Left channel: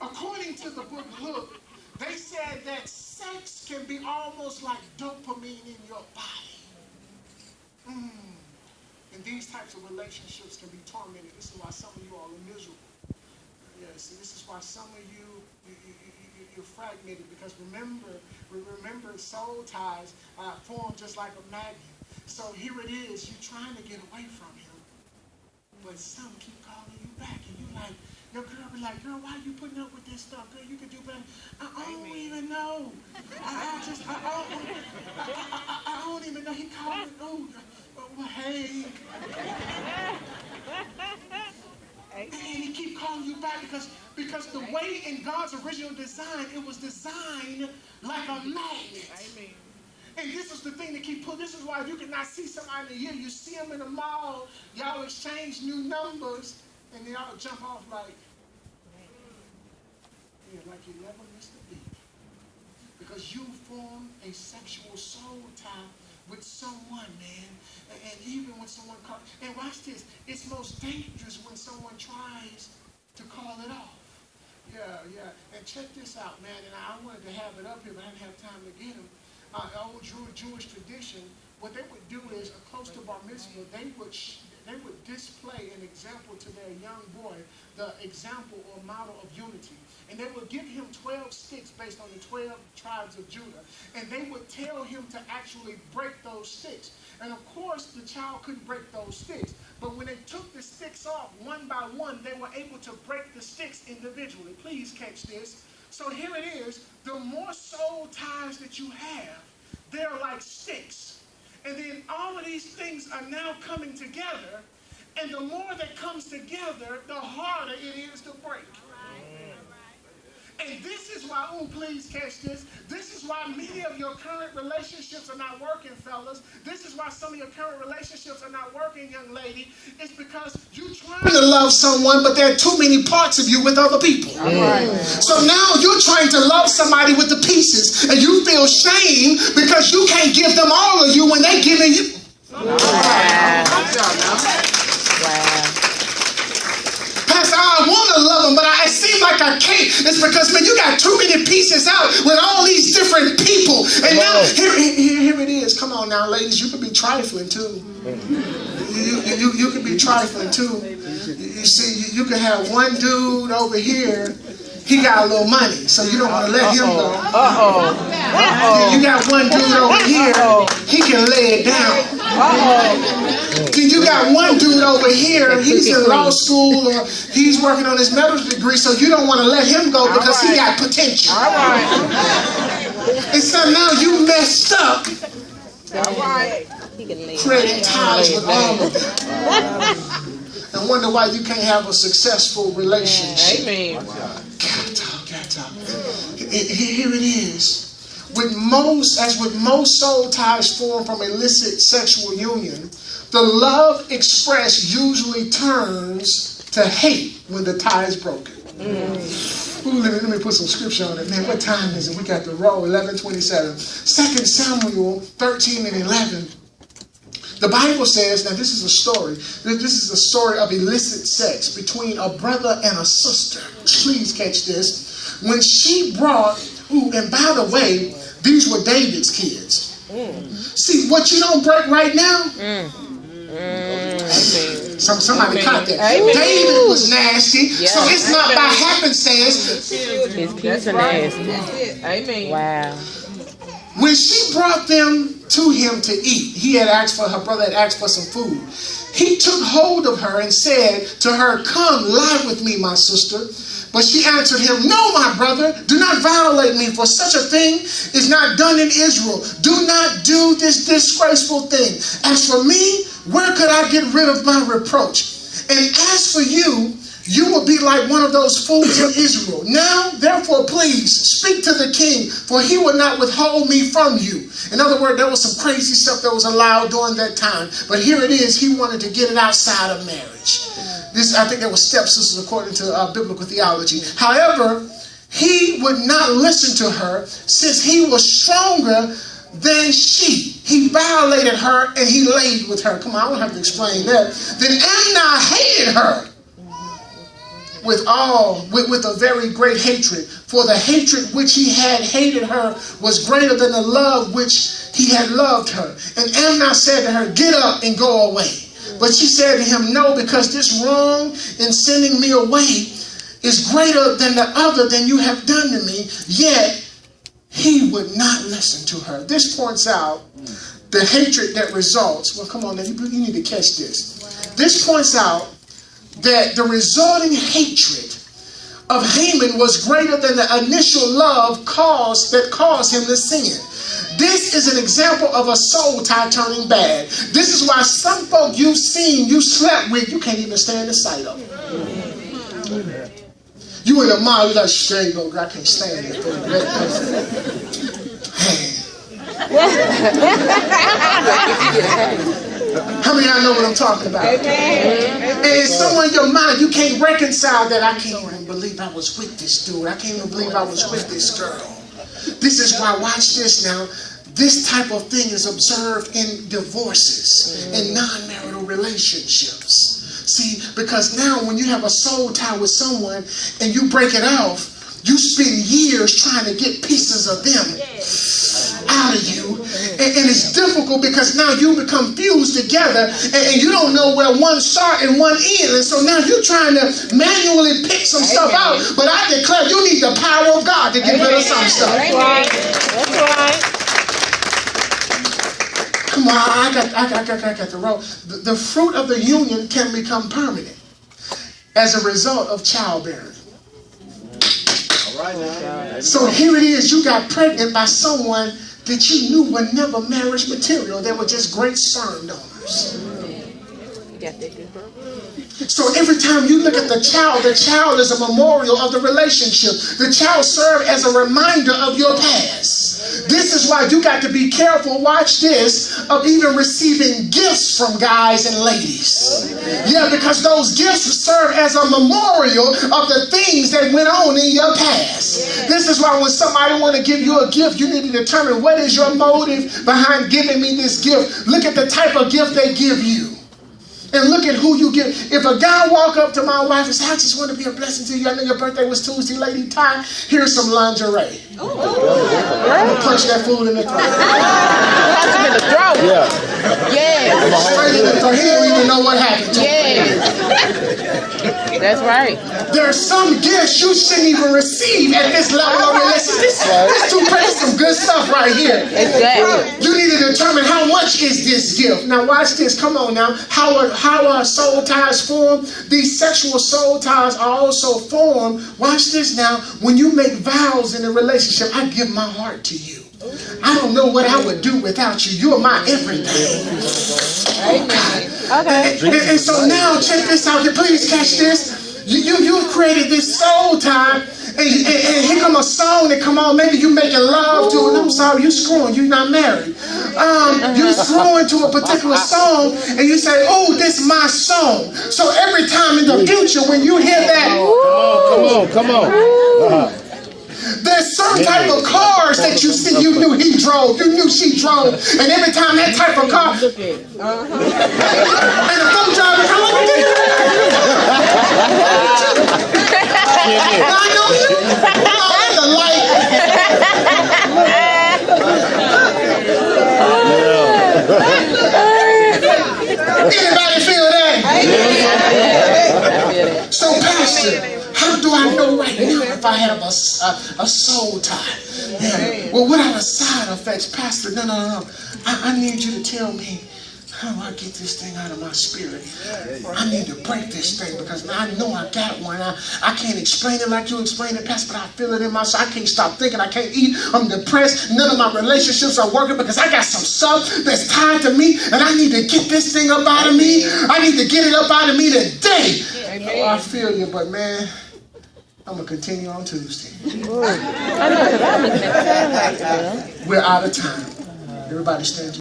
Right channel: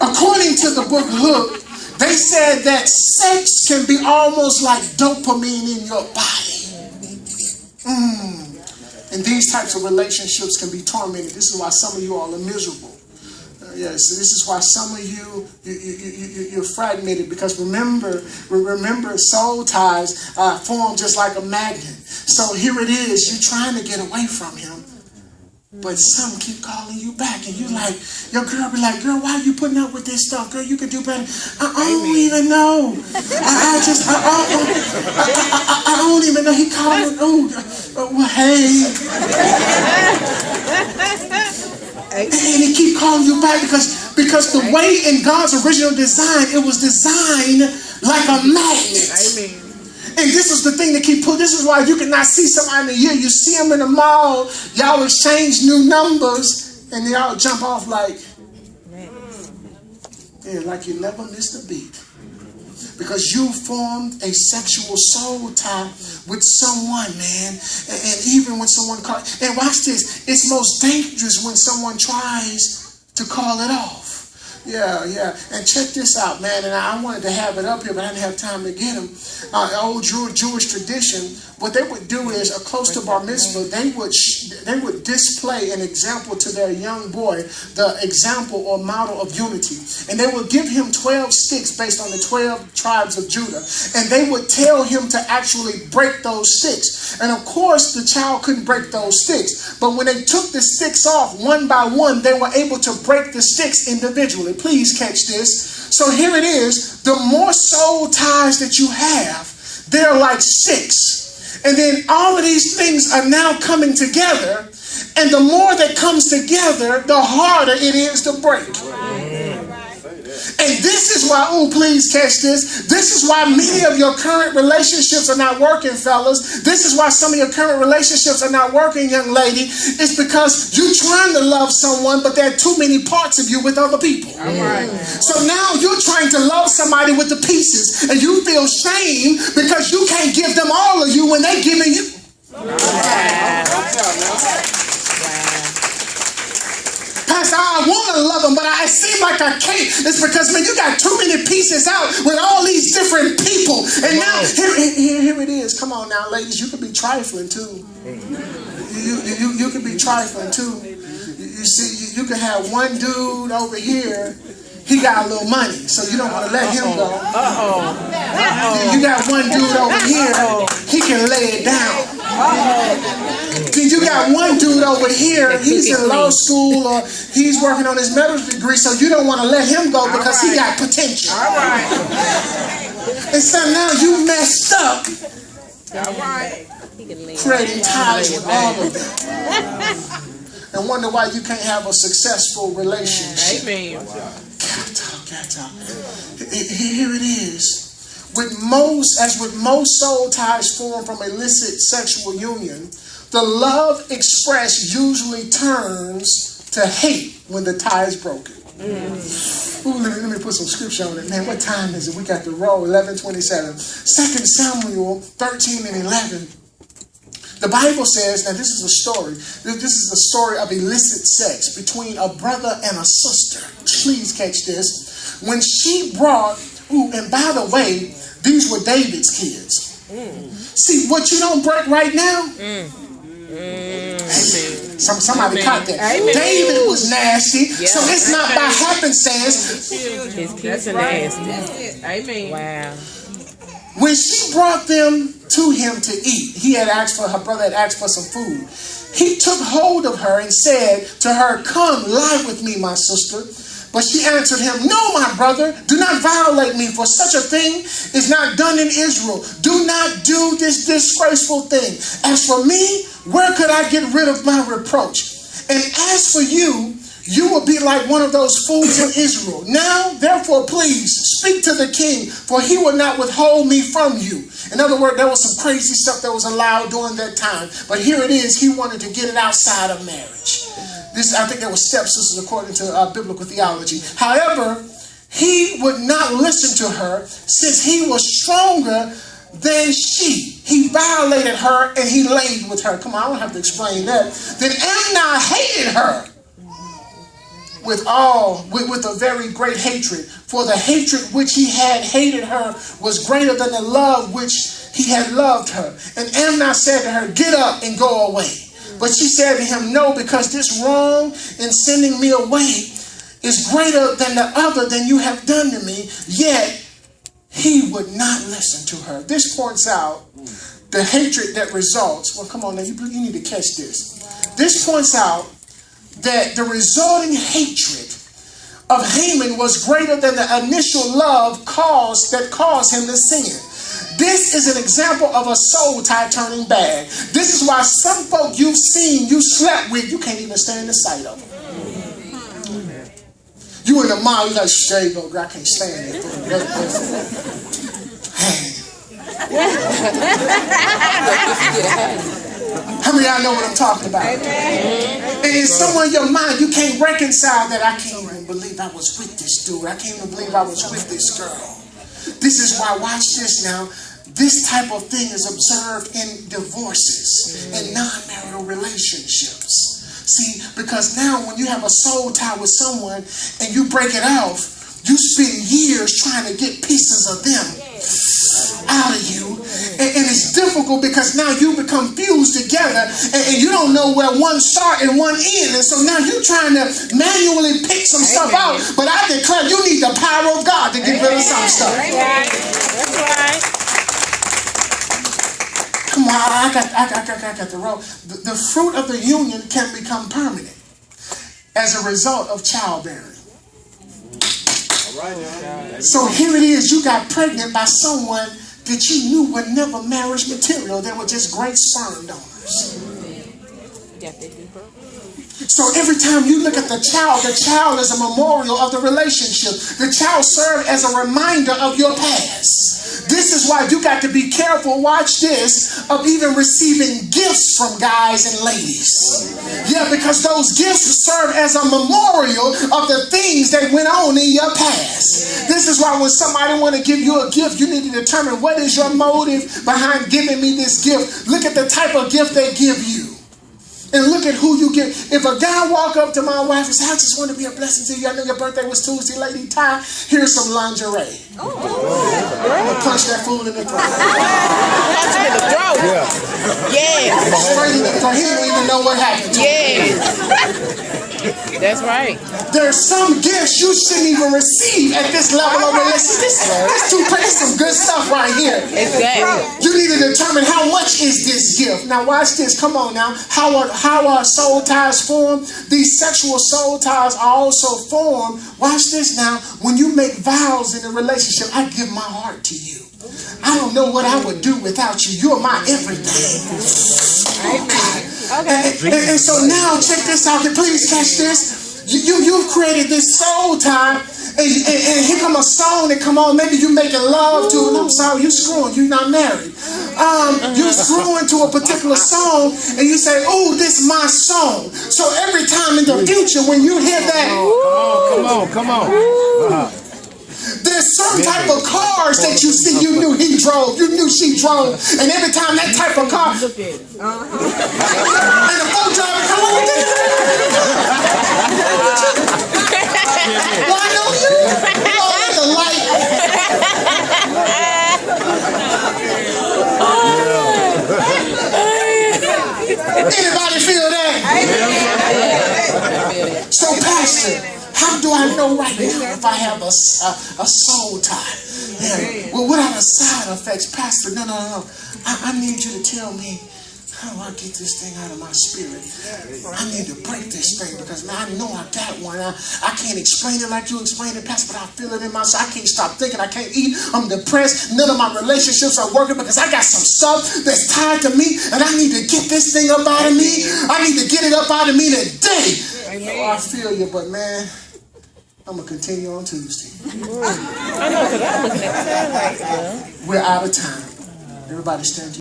According to the book Hook, they said that sex can be almost like dopamine in your body. And these types of relationships can be tormented. This is why some of you all are miserable. Yes, this is why some of you're fragmented, because remember, soul ties form just like a magnet. So here it is, you're trying to get away from him, but some keep calling you back, and you like, your girl be like, girl, why are you putting up with this stuff? Girl, you could do better. I don't even know. I don't even know. He called well, hey. And he keep calling you back because the way in God's original design, it was designed like a magnet. Amen. And this is the thing that keep pulling. This is why you cannot see somebody in a year. You see them in the mall, y'all exchange new numbers, and y'all jump off like, yeah, like you never missed a beat. Because you formed a sexual soul tie with someone, man. And even when someone calls, and watch this, it's most dangerous when someone tries to call it off. Yeah. And check this out, man. And I wanted to have it up here, but I didn't have time to get them. Old Jewish tradition, what they would do is, close to bar mitzvah, they would display an example to their young boy, the example or model of unity. And they would give him 12 sticks based on the 12 tribes of Judah. And they would tell him to actually break those sticks. And of course, the child couldn't break those sticks. But when they took the sticks off one by one, they were able to break the sticks individually. Please catch this. So here it is. The more soul ties that you have, they're like sticks. And then all of these things are now coming together. And the more that comes together, the harder it is to break. And this is why, please catch this. This is why many of your current relationships are not working, fellas. This is why some of your current relationships are not working, young lady. It's because you're trying to love someone, but there are too many parts of you with other people. So now you're trying to love somebody with the pieces, and you feel shame because you can't give them all of you when they're giving you. Pastor, I want to love them, but I seem like I can't. It's because, man, you got too many pieces out with all these different people. And now, here it is. Come on now, ladies. You can be trifling, too. You can be trifling, too. You see, you can have one dude over here. He got a little money, so you don't want to let him go. You got one dude over here. He can lay it down. Then you got one dude over here, he's in law school or he's working on his medical degree, so you don't want to let him go because he got potential. And so now you messed up, creating ties with all of them. And wonder why you can't have a successful relationship. Amen. Here it is. With most soul ties formed from illicit sexual union, the love expressed usually turns to hate when the tie is broken. Let me put some scripture on it. Man, what time is it? We got the roll, 11:27. 2 Samuel 13 and 11. The Bible says, now this is a story. This is a story of illicit sex between a brother and a sister. Please catch this. When she brought, and by the way, these were David's kids. See, what you don't break right now, somebody caught that. David was nasty, so it's not by happenstance. That's nasty. Amen. Wow. When she brought them to him to eat, her brother had asked for some food. He took hold of her and said to her, "Come, lie with me, my sister." But she answered him, "No, my brother, do not violate me, for such a thing is not done in Israel. Do not do this disgraceful thing. As for me, where could I get rid of my reproach? And as for you, you will be like one of those fools in Israel. Now, therefore, please speak to the king, for he will not withhold me from you." In other words, there was some crazy stuff that was allowed during that time. But here it is, he wanted to get it outside of marriage. I think they were stepsisters according to biblical theology. However, he would not listen to her since he was stronger than she. He violated her and he laid with her. Come on, I don't have to explain that. Then Amnon hated her with a very great hatred. For the hatred which he had hated her was greater than the love which he had loved her. And Amnon said to her, get up and go away. But she said to him, no, because this wrong in sending me away is greater than the other than you have done to me. Yet he would not listen to her. This points out the hatred that results. Well, come on now, you need to catch this. This points out that the resulting hatred of Haman was greater than the initial love that caused him to sin. This is an example of a soul tie turning bad. This is why some folk you've seen, you slept with, you can't even stand the sight of them. You in a mile, you like, there you go, girl, I can't stand it. How many of y'all know what I'm talking about? And somewhere in your mind, you can't reconcile that. I can't even believe I was with this dude. I can't even believe I was with this girl. This is why, watch this now, this type of thing is observed in divorces and non-marital relationships. See, because now when you have a soul tie with someone and you break it off, you spend years trying to get pieces of them out of you. And it's difficult because now you become fused together and you don't know where one start and one end. And so now you're trying to manually pick some stuff out. But I declare you need the power of God to get rid of some stuff. That's right. That's right. Come on, I got the roll. The fruit of the union can become permanent as a result of childbearing. So here it is, you got pregnant by someone that you knew were never marriage material. They were just great sperm donors. So every time you look at the child is a memorial of the relationship. The child served as a reminder of your past. This is why you got to be careful, watch this, of even receiving gifts from guys and ladies. Yeah, because those gifts serve as a memorial of the things that went on in your past. This is why when somebody want to give you a gift, you need to determine what is your motive behind giving me this gift. Look at the type of gift they give you. And look at who you give. If a guy walk up to my wife and say, I just want to be a blessing to you. I know your birthday was Tuesday, Lady Ty. Here's some lingerie. I'm going to punch that fool in the throat. Punch him in the throat. Yeah. Yeah. Straight in the throat. He don't even know what happened to him. Yeah. That's right. There are some gifts you shouldn't even receive at this level of relationship. This too pretty, some good stuff right here. Exactly. You need to determine how much is this gift. Now watch this. Come on now. How are soul ties formed? These sexual soul ties are also formed. Watch this now. When you make vows in a relationship, I give my heart to you. I don't know what I would do without you. You're my everything. Okay. And so now check this out. Please catch this. You've created this soul tie. And here come a song that come on. Maybe you making love to it. I'm sorry, you screwing. You're not married. You're screwing to a particular song, and you say, "Oh, this is my song." So every time in the future, when you hear that, Come on. there's some type of cars that you see. You knew he drove. You knew she drove. And every time that type of car, and the phone driver come on. I know you. Oh, the light. Anybody feel that? So, Pastor, how do I know right now if I have a soul tie? Yeah. Well, what are the side effects, Pastor? No. I need you to tell me how do I get this thing out of my spirit. I need to break this thing because I know I got one. I can't explain it like you explain it, Pastor, but I feel it in my soul. I can't stop thinking. I can't eat. I'm depressed. None of my relationships are working because I got some stuff that's tied to me, and I need to get this thing up out of me. I need to get it up out of me today. Oh, I feel you, but man, I'm going to continue on Tuesday. We're out of time. Everybody stand.